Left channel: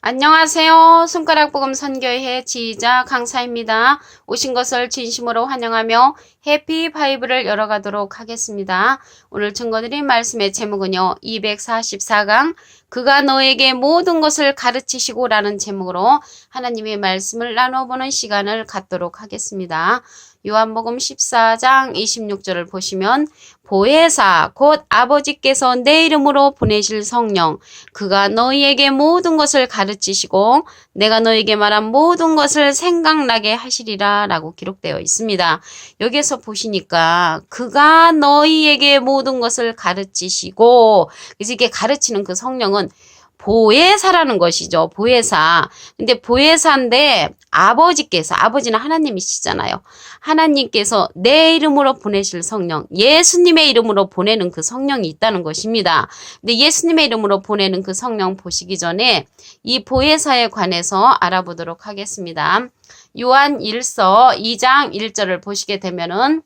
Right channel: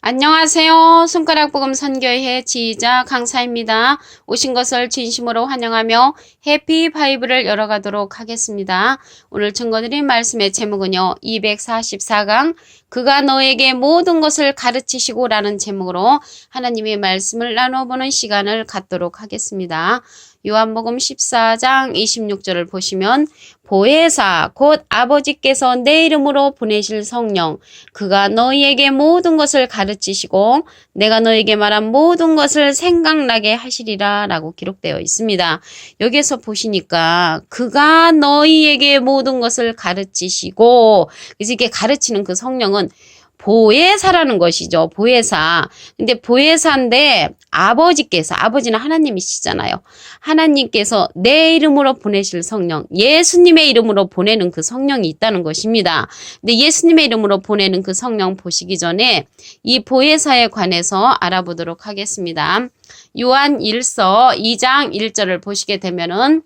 안녕하세요. 손가락복음 선교회 지휘자 강사입니다. 오신 것을 진심으로 환영하며 해피 바이블을 열어가도록 하겠습니다. 오늘 증거드린 말씀의 제목은요. 244강 그가 너에게 모든 것을 가르치시고 라는 제목으로 하나님의 말씀을 나눠보는 시간을 갖도록 하겠습니다. 요한복음 14장 26절을 보시면 보혜사 곧 아버지께서 내 이름으로 보내실 성령 그가 너희에게 모든 것을 가르치시고 내가 너희에게 말한 모든 것을 생각나게 하시리라 라고 기록되어 있습니다. 여기에서 보시니까 그가 너희에게 모든 것을 가르치시고 그래서 이게 가르치는 그 성령은 보혜사라는 것이죠. 보혜사. 근데 보혜사인데 아버지는 하나님이시잖아요. 하나님께서 내 이름으로 보내실 성령, 예수님의 이름으로 보내는 그 성령이 있다는 것입니다. 근데 예수님의 이름으로 보내는 그 성령 보시기 전에 이 보혜사에 관해서 알아보도록 하겠습니다. 요한 1서 2장 1절을 보시게 되면은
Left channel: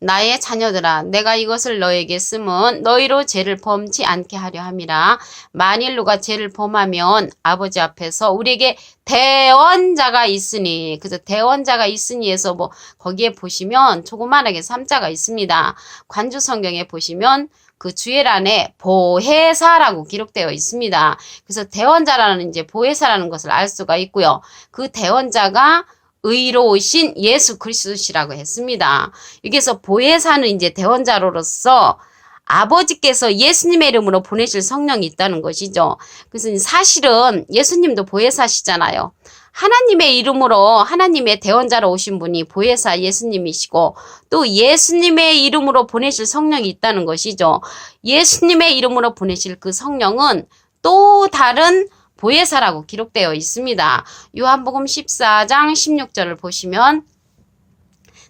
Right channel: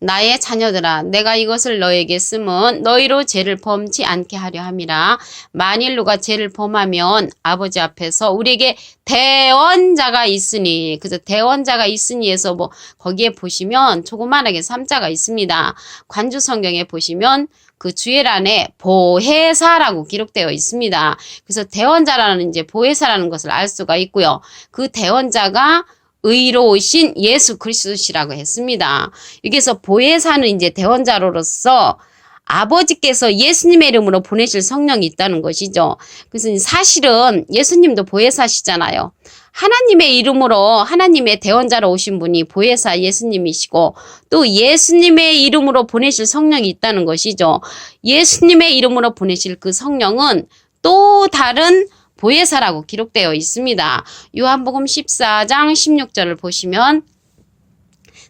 나의 자녀들아 내가 이것을 너에게 쓰면 너희로 죄를 범치 않게 하려 함이라. 만일 누가 죄를 범하면 아버지 앞에서 우리에게 대언자가 있으니 그래서 대언자가 있으니에서 거기에 보시면 조그만하게 3자가 있습니다. 관주 성경에 보시면 그 주예란에 보혜사라고 기록되어 있습니다. 그래서 대언자라는 이제 보혜사라는 것을 알 수가 있고요. 그 대언자가 의로우신 예수 그리스도시라고 했습니다. 여기서 보혜사는 이제 대언자로서 아버지께서 예수님의 이름으로 보내실 성령이 있다는 것이죠. 그래서 사실은 예수님도 보혜사시잖아요. 하나님의 이름으로 하나님의 대언자로 오신 분이 보혜사 예수님이시고 또 예수님의 이름으로 보내실 성령이 있다는 것이죠. 예수님의 이름으로 보내실 그 성령은 또 다른 보혜사라고 기록되어 있습니다. 요한복음 14장 16절을 보시면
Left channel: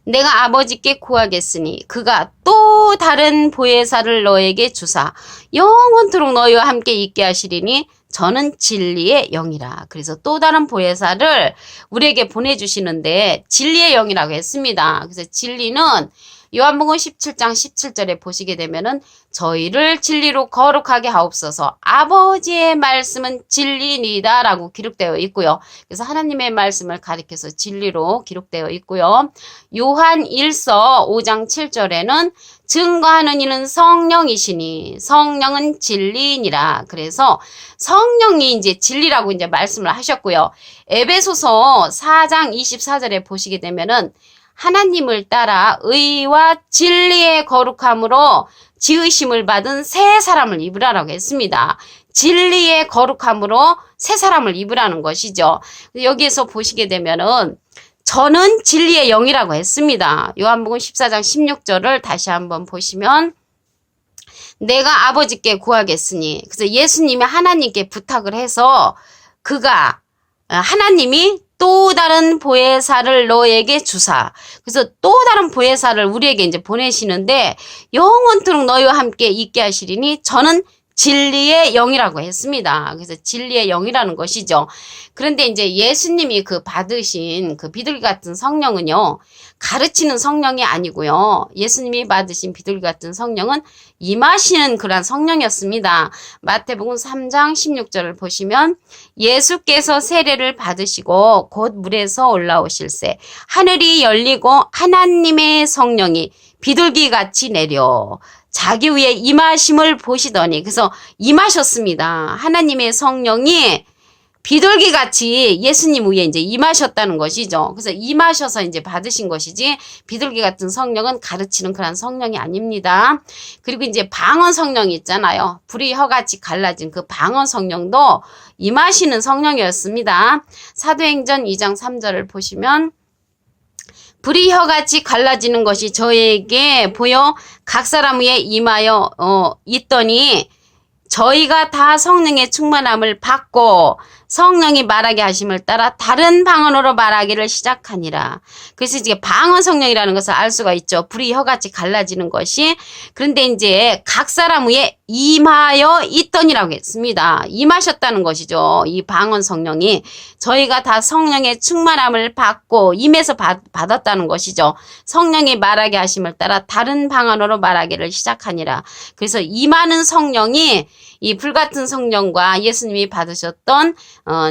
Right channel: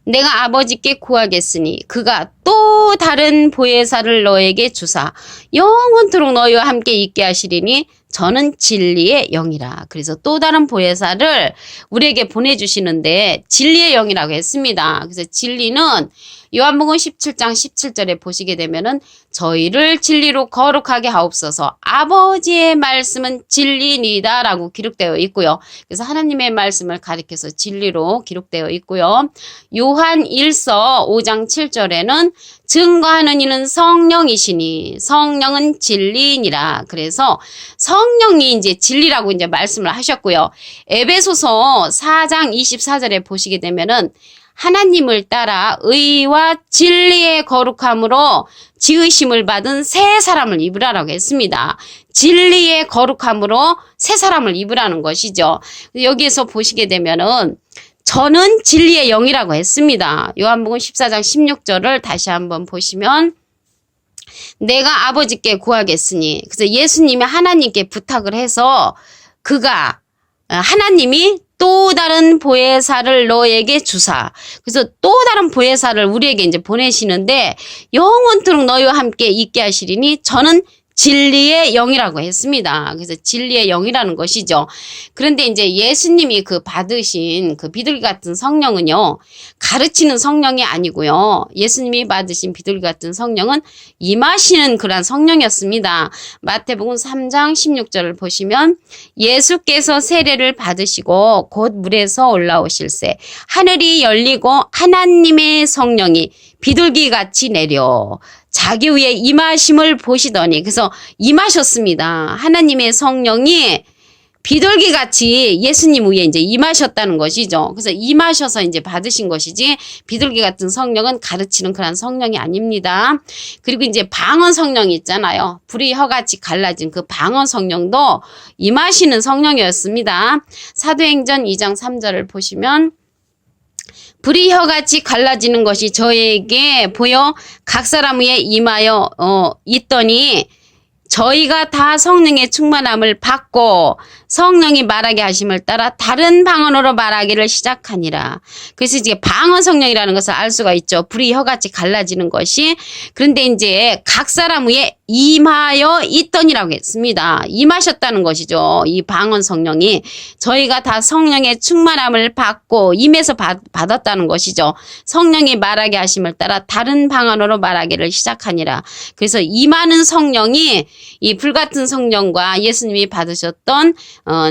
내가 아버지께 구하겠으니 그가 또 다른 보혜사를 너에게 주사 영원토록 너희와 함께 있게 하시리니 저는 진리의 영이라. 그래서 또 다른 보혜사를 우리에게 보내주시는데 진리의 영이라고 했습니다. 그래서 진리는 요한복음 17장 17절에 보시게 되면은 저희를 진리로 거룩하게 하옵소서 아버지의 말씀은 진리니이다 라고 기록되어 있고요. 그래서 하나님의 말씀을 가리켜서 진리로 기록되어 있고요. 요한 1서 5장 7절에는 증거하는 이는 성령이시니 성령은 진리니라. 그래서 성령이 이제 진리라고 이제 말씀을 하셨고요. 에베소서 4장 24절에 보시게 되면은 하나님을 따라 의와 진리의 거룩함으로 지으심을 받은 새 사람을 입으라라고 했습니다. 진리의 거룩함으로 새 사람을 입으라는 것이죠. 여기에서 보시게 되면은 저는 진리의 영이라고 했습니다. 요한복음 14장 16절을 다시 한번 보시면 내가 아버지께 구하겠으니 그래서 예수님이 하나님께 부탁을 해서 그가 하나님이 또 다른 보혜사를 너에게 주사. 그래서 또 다른 보혜사를 우리에게 이제 보내시는데 영원토록 너희와 함께 있게 하시리니 저는 진리의 영이라고 했습니다. 그래서 진리의 영이라는 것이죠. 그런데 이제 예수님이 그 받으신 그 비둘기 같은 성령은요, 가르치는 성령이 아니고요. 예수님이 받으신 비둘기 같은 성령은 임하시는 그런 성령이었습니다. 마태복음 3장 16절을 보시면 예수께서 세례를 받으시고 곧 물에서 올라오실새 하늘이 열리고 하나님의 성령이 비둘기같이 내려 자기 위에 임하심을 보시더니 그래서 임하셨습니다. 하나님의 성령이 비둘기같이 예수님 위에 이제 임하셨다는 것이죠. 그래서 임하셔서 이제 받으신 것이지 비둘기 같은 성령은 가르치는 그런 성령이 아닙니다. 그리고 이제 방언 성령이 있잖아요. 불이 혀같이 갈라진 그 방언 성령도 임하시는 성령이었습니다. 사도행전 2장 3절을 보시면 불이 혀같이 갈라지는 것이 저에게 보여 각 사람 위에 임하여 있더니 저희가 다 성령의 충만함을 받고 성령이 말하게 하심을 따라 다른 방언으로 말하기를 시작하니라. 그래서 이제 방언 성령이라는 것을 알 수가 있죠. 불이 혀같이 갈라지는 것이. 그런데 이제 각 사람 위에 임하여 있더니라고 했습니다. 임하셨다는 것이죠. 이 방언 성령이 저희가 다 성령의 충만함을 받고 임해서 받았다는 것이죠. 성령이 말하게 하심을 따라 다른 방언으로 말하기를 시작하니라. 그래서 임하는 성령이 이 불같은 성령과 예수님이 받으셨던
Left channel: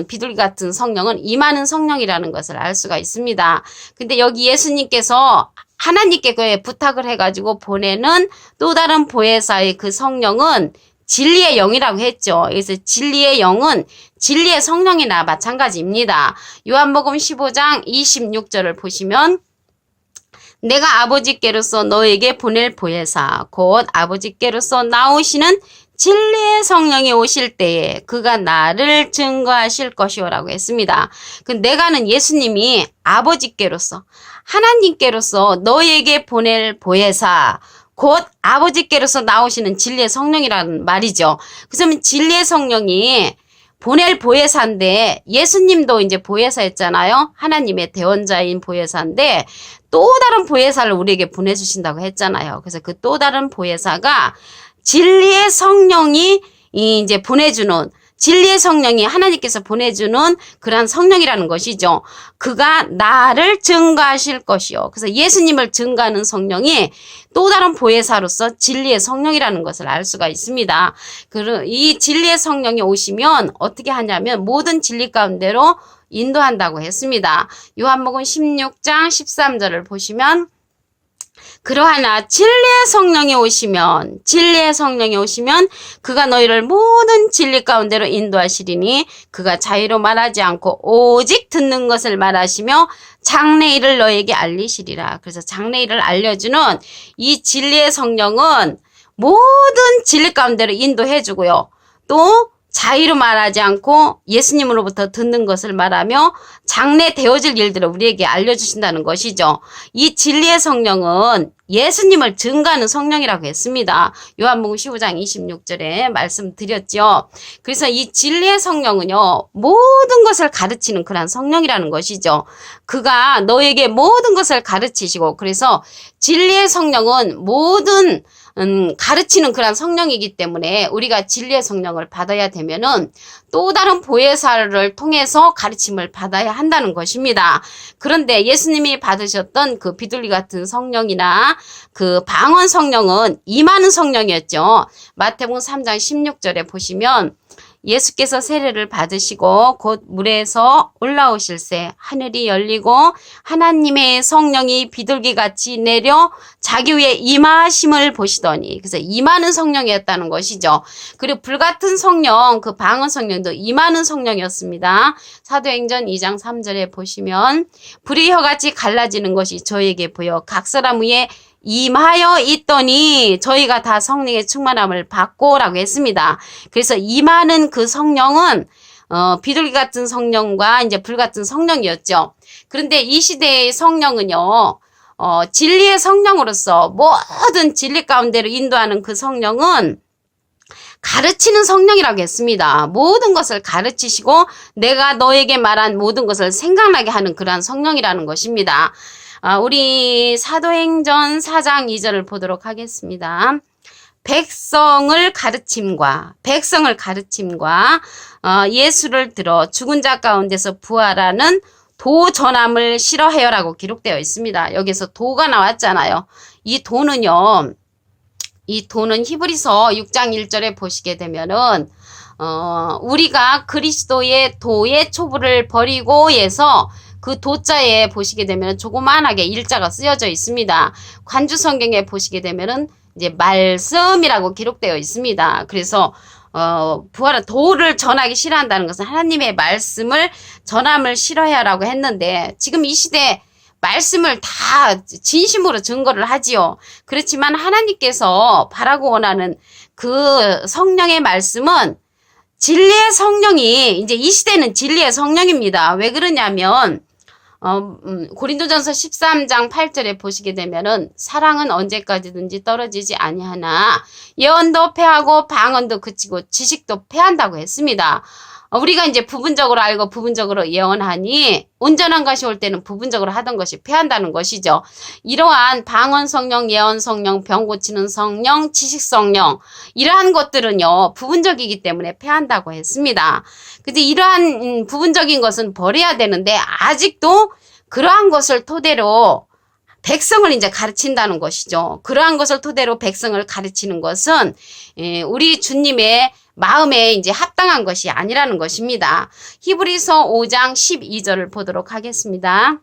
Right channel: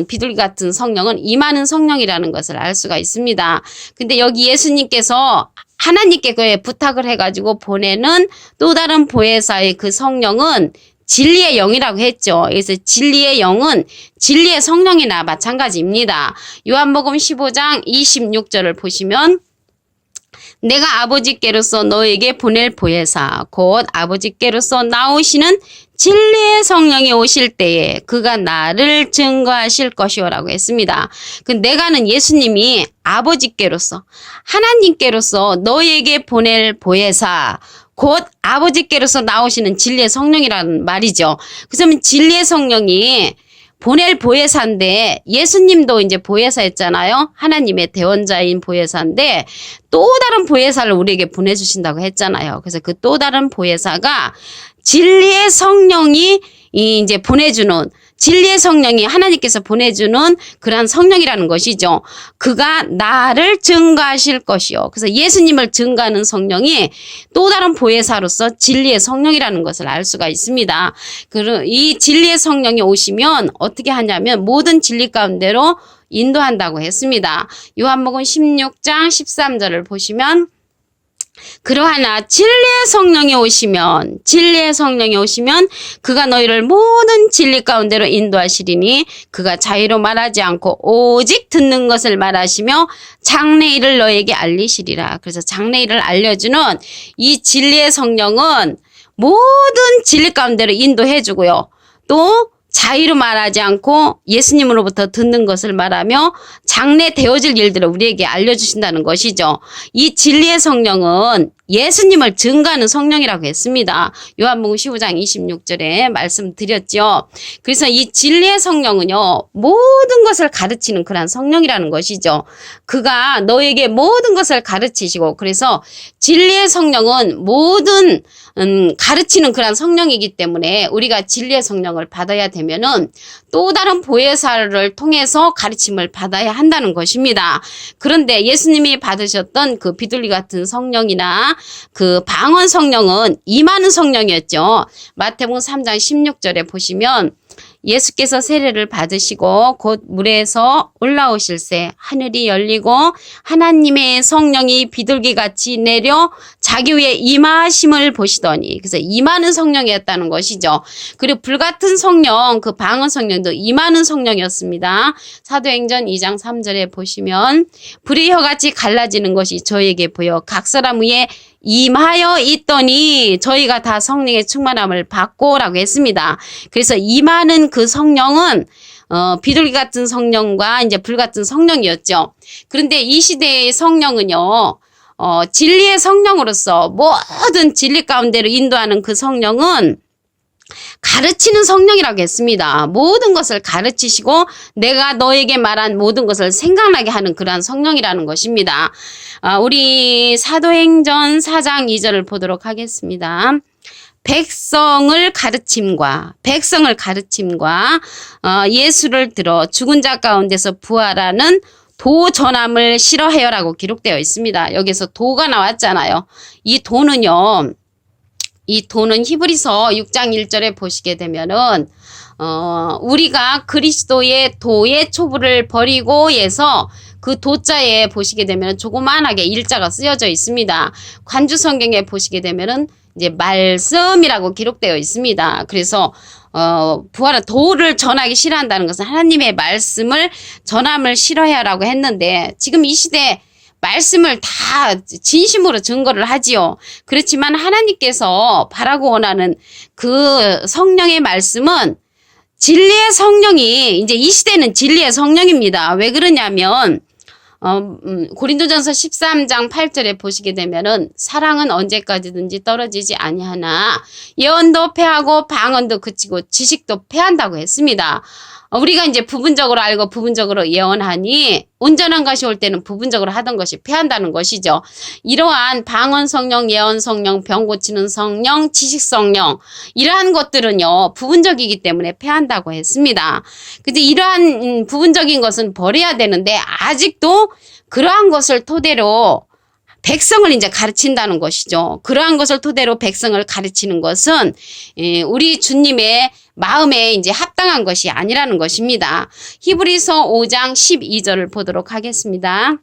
비둘기 같은 성령은 임하는 성령이라는 것을 알 수가 있습니다. 근데 여기 예수님께서 하나님께 그에 부탁을 해가지고 보내는 또 다른 보혜사의 그 성령은 진리의 영이라고 했죠. 그래서 진리의 영은 진리의 성령이나 마찬가지입니다. 요한복음 15장 26절을 보시면 내가 아버지께로서 너에게 보낼 보혜사 곧 아버지께로서 나오시는 진리의 성령이 오실 때에 그가 나를 증거하실 것이오라고 했습니다. 그 내가는 예수님이 아버지께로서 하나님께로서 너에게 보낼 보혜사 곧 아버지께로서 나오시는 진리의 성령이라는 말이죠. 그러면 진리의 성령이 보낼 보혜사인데 예수님도 이제 보혜사였잖아요. 하나님의 대원자인 보혜사인데 또 다른 보혜사를 우리에게 보내주신다고 했잖아요. 그래서 그 또 다른 보혜사가 진리의 성령이 이제 보내주는 진리의 성령이 하나님께서 보내주는 그러한 성령이라는 것이죠. 그가 나를 증거하실 것이요. 그래서 예수님을 증거하는 성령이 또 다른 보혜사로서 진리의 성령이라는 것을 알 수가 있습니다. 이 진리의 성령이 오시면 어떻게 하냐면 모든 진리 가운데로 인도한다고 했습니다. 요한복음 16장 13절을 보시면 그러하나 진리의 성령이 오시면 그가 너희를 모든 진리 가운데로 인도하시리니 그가 자의로 말하지 않고 오직 듣는 것을 말하시며 장래일을 너에게 알리시리라. 그래서 장래일을 알려주는 이 진리의 성령은 모든 진리 가운데로 인도해 주고요. 또 자의로 말하지 않고 예수님으로부터 듣는 것을 말하며 장래 되어질 일들을 우리에게 알려주신다는 것이죠. 이 진리의 성령은 예수님을 증거하는 성령이라고 했습니다. 요한복음 15장 26절에 말씀드렸죠. 그래서 이 진리의 성령은요, 모든 것을 가르치는 그런 성령이라는 것이죠. 그가 너에게 모든 것을 가르치시고, 그래서 진리의 성령은 모든 가르치는 그런 성령이기 때문에 우리가 진리의 성령을 받아야 되면은 또 다른 보혜사를 통해서 가르침을 받아야 한다는 것입니다. 그런데 예수님이 받으셨던 그 비둘기 같은 성령이나 그 방언 성령은 임하는 성령이었죠. 마태복음 3장 16절에 보시면 예수께서 세례를 받으시고 곧 물에서 올라오실새 하늘이 열리고 하나님의 성령이 비둘기같이 내려 자기 위에 임하심을 보시더니, 그래서 임하는 성령이었다는 것이죠. 그리고 불같은 성령, 그 방언 성령도 임하는 성령이었습니다. 사도행전 2장 3절에 보시면 불이 혀같이 갈라지는 것이 저에게 보여 각 사람 위에 임하여 있더니 저희가 다 성령의 충만함을 받고 라고 했습니다. 그래서 임하는 그 성령은 비둘기 같은 성령과 이제 불 같은 성령이었죠. 그런데 이 시대의 성령은요, 진리의 성령으로서 모든 진리 가운데로 인도하는 그 성령은 가르치는 성령이라고 했습니다. 모든 것을 가르치시고 내가 너에게 말한 모든 것을 생각나게 하는 그러한 성령이라는 것입니다. 우리 사도행전 4장 2절을 보도록 하겠습니다. 백성을 가르침과 예수를 들어 죽은 자 가운데서 부활하는 도 전함을 싫어해요라고 기록되어 있습니다. 여기서 도가 나왔잖아요. 이 도는 히브리서 6장 1절에 보시게 되면은 우리가 그리스도의 도의 초부를 버리고 해서 그 도자에 보시게 되면 조그만하게 일자가 쓰여져 있습니다. 관주 성경에 보시게 되면은 이제 말씀이라고 기록되어 있습니다. 그래서 부활한 도를 전하기 싫어한다는 것은 하나님의 말씀을 전함을 싫어해라고 했는데, 지금 이 시대 말씀을 다 진심으로 증거를 하지요. 그렇지만 하나님께서 바라고 원하는 그 성령의 말씀은 진리의 성령이, 이제 이 시대는 진리의 성령입니다. 왜 그러냐면 고린도전서 13장 8절에 보시게 되면은 사랑은 언제까지든지 떨어지지 아니하나 예언도 패하고 방언도 그치고 지식도 패한다고 했습니다. 우리가 이제 부분적으로 알고 부분적으로 예언하니 온전한 것이 올 때는 부분적으로 하던 것이 패한다는 것이죠. 이러한 방언 성령, 예언 성령, 병 고치는 성령, 지식 성령 이러한 것들은요 부분적이기 때문에 패한다고 했습니다. 근데 이러한 부분적인 것은 버려야 되는데 아직도 그러한 것을 토대로 백성을 이제 가르친다는 것이죠. 그러한 것을 토대로 백성을 가르치는 것은 우리 주님의 마음에 이제 합당한 것이 아니라는 것입니다. 히브리서 5장 12절을 보도록 하겠습니다.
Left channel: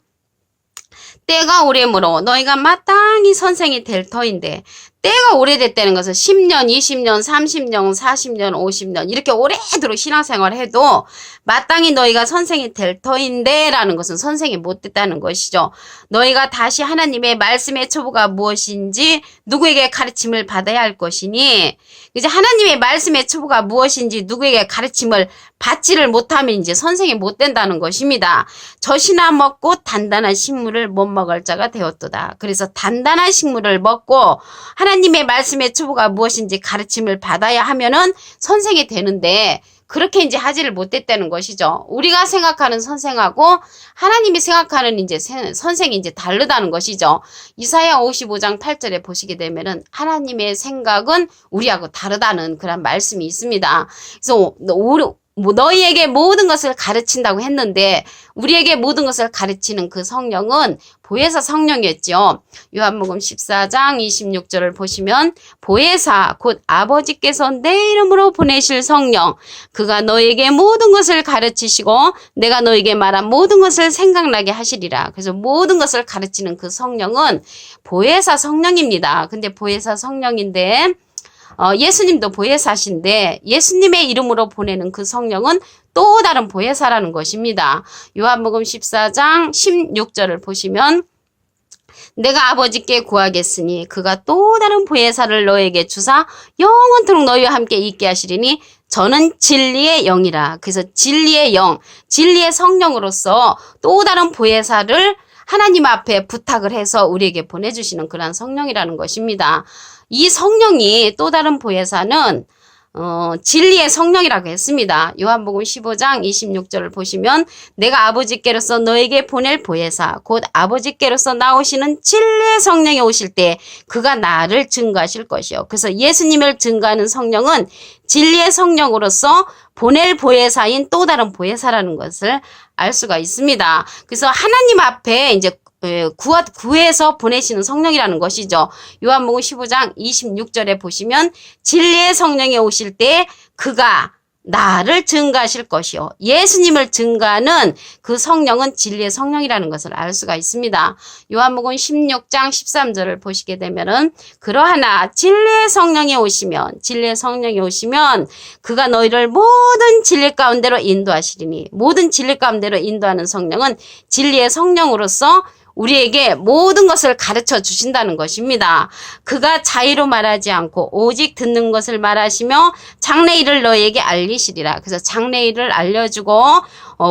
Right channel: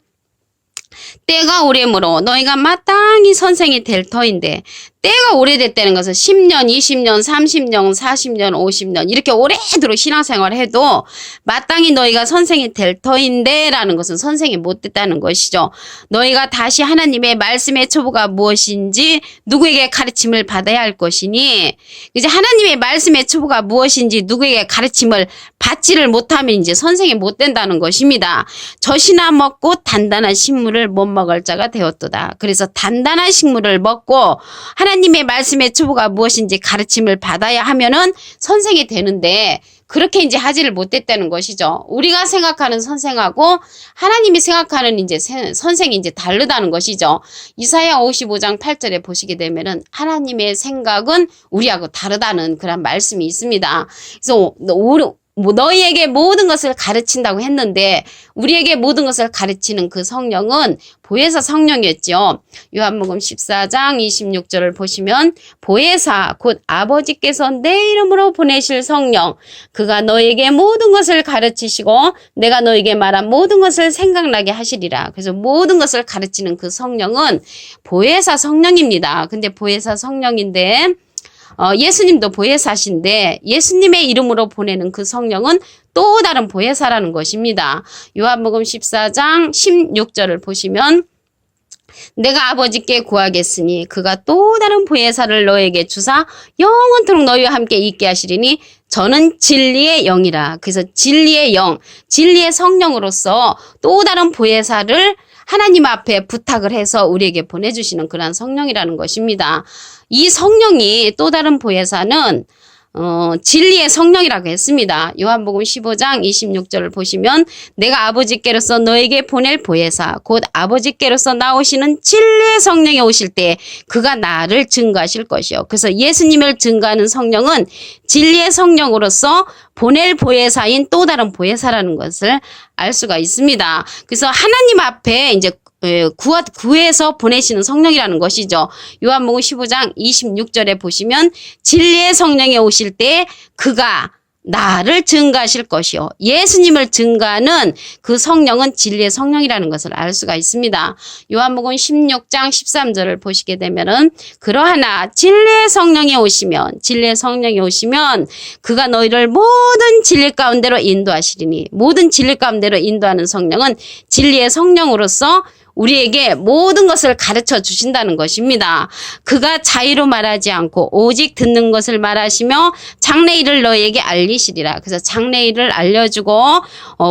때가 오래므로 너희가 마땅히 선생이 될 터인데, 때가 오래됐다는 것은 10년, 20년, 30년, 40년, 50년 이렇게 오래도록 신앙생활을 해도 마땅히 너희가 선생이 될 터인데 라는 것은 선생이 못 됐다는 것이죠. 너희가 다시 하나님의 말씀의 초보가 무엇인지 누구에게 가르침을 받아야 할 것이니, 이제 하나님의 말씀의 초보가 무엇인지 누구에게 가르침을 받지를 못하면 이제 선생이 못 된다는 것입니다. 젖이나 먹고 단단한 식물을 못 먹을 자가 되었도다. 그래서 단단한 식물을 먹고 하나님의 말씀의 초보가 무엇인지 가르침을 받아야 하면은 선생이 되는데 그렇게 이제 하지를 못했다는 것이죠. 우리가 생각하는 선생하고 하나님이 생각하는 이제 선생이 이제 다르다는 것이죠. 이사야 55장 8절에 보시게 되면은 하나님의 생각은 우리하고 다르다는 그런 말씀이 있습니다. 그래서 너희에게 모든 것을 가르친다고 했는데 우리에게 모든 것을 가르치는 그 성령은 보혜사 성령이었죠. 요한복음 14장 26절을 보시면 보혜사 곧 아버지께서 내 이름으로 보내실 성령, 그가 너에게 모든 것을 가르치시고 내가 너에게 말한 모든 것을 생각나게 하시리라. 그래서 모든 것을 가르치는 그 성령은 보혜사 성령입니다. 근데 보혜사 성령인데 예수님도 보혜사신데 예수님의 이름으로 보내는 그 성령은 또 다른 보혜사라는 것입니다. 요한복음 14장 16절을 보시면 내가 아버지께 구하겠으니 그가 또 다른 보혜사를 너에게 주사 영원토록 너희와 함께 있게 하시리니 저는 진리의 영이라. 그래서 진리의 영, 진리의 성령으로서 또 다른 보혜사를 하나님 앞에 부탁을 해서 우리에게 보내주시는 그런 성령이라는 것입니다. 이 성령이 또 다른 보혜사는 진리의 성령이라고 했습니다. 요한복음 15장 26절을 보시면 내가 아버지께로서 너에게 보낼 보혜사 곧 아버지께로서 나오시는 진리의 성령이 오실 때 그가 나를 증거하실 것이요. 그래서 예수님을 증거하는 성령은 진리의 성령으로서 보낼 보혜사인 또 다른 보혜사라는 것을 알 수가 있습니다. 그래서 하나님 앞에 이제 구해서 보내시는 성령이라는 것이죠. 요한복음 15장 26절에 보시면 진리의 성령이 오실 때 그가 나를 증거하실 것이요. 예수님을 증거하는 그 성령은 진리의 성령이라는 것을 알 수가 있습니다. 요한복음 16장 13절을 보시게 되면은 그러하나 진리의 성령이 오시면 그가 너희를 모든 진리 가운데로 인도하시리니, 모든 진리 가운데로 인도하는 성령은 진리의 성령으로서 우리에게 모든 것을 가르쳐 주신다는 것입니다. 그가 자의로 말하지 않고 오직 듣는 것을 말하시며 장래일을 너희에게 알리시리라. 그래서 장래일을 알려주고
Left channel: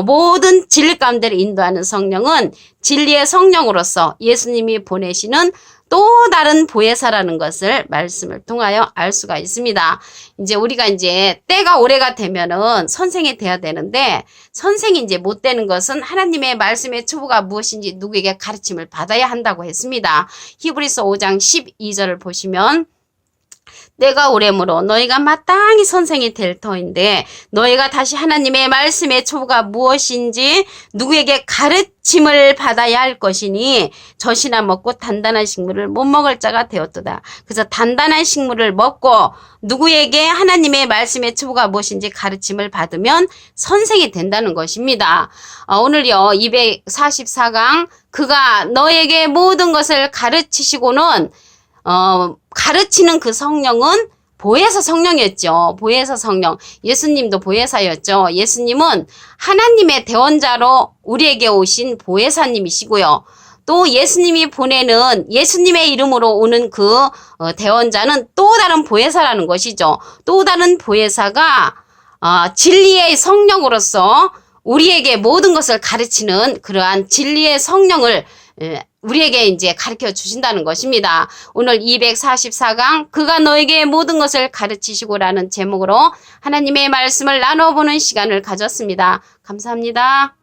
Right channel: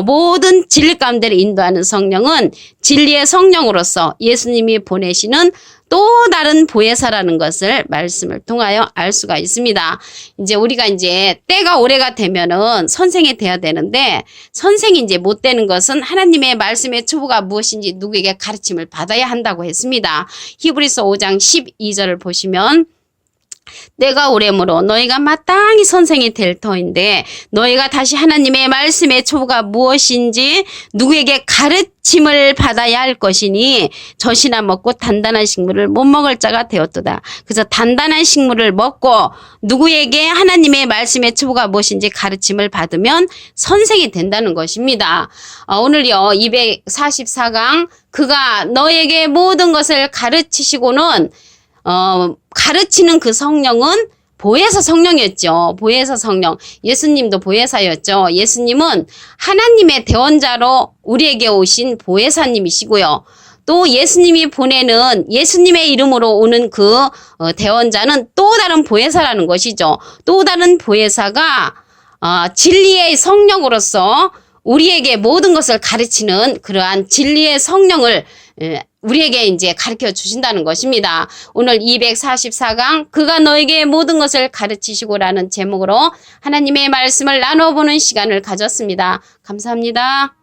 모든 진리 가운데를 인도하는 성령은 진리의 성령으로서 예수님이 보내시는 또 다른 보혜사라는 것을 말씀을 통하여 알 수가 있습니다. 이제 우리가 이제 때가 오래가 되면은 선생이 돼야 되는데 선생이 이제 못 되는 것은 하나님의 말씀의 초보가 무엇인지 누구에게 가르침을 받아야 한다고 했습니다. 히브리서 5장 12절을 보시면 때가 오래므로 너희가 마땅히 선생이 될 터인데 너희가 다시 하나님의 말씀의 초보가 무엇인지 누구에게 가르침을 받아야 할 것이니 젖이나 먹고 단단한 식물을 못 먹을 자가 되었도다. 그래서 단단한 식물을 먹고 누구에게 하나님의 말씀의 초보가 무엇인지 가르침을 받으면 선생이 된다는 것입니다. 오늘요 244강 그가 너에게 모든 것을 가르치시고는 가르치는 그 성령은 보혜사 성령이었죠. 보혜사 성령. 예수님도 보혜사였죠. 예수님은 하나님의 대원자로 우리에게 오신 보혜사님이시고요. 또 예수님이 보내는 예수님의 이름으로 오는 그 대원자는 또 다른 보혜사라는 것이죠. 또 다른 보혜사가 진리의 성령으로서 우리에게 모든 것을 가르치는 그러한 진리의 성령을 우리에게 이제 가르쳐 주신다는 것입니다. 오늘 244강 그가 너에게 모든 것을 가르치시고라는 제목으로 하나님의 말씀을 나눠보는 시간을 가졌습니다. 감사합니다.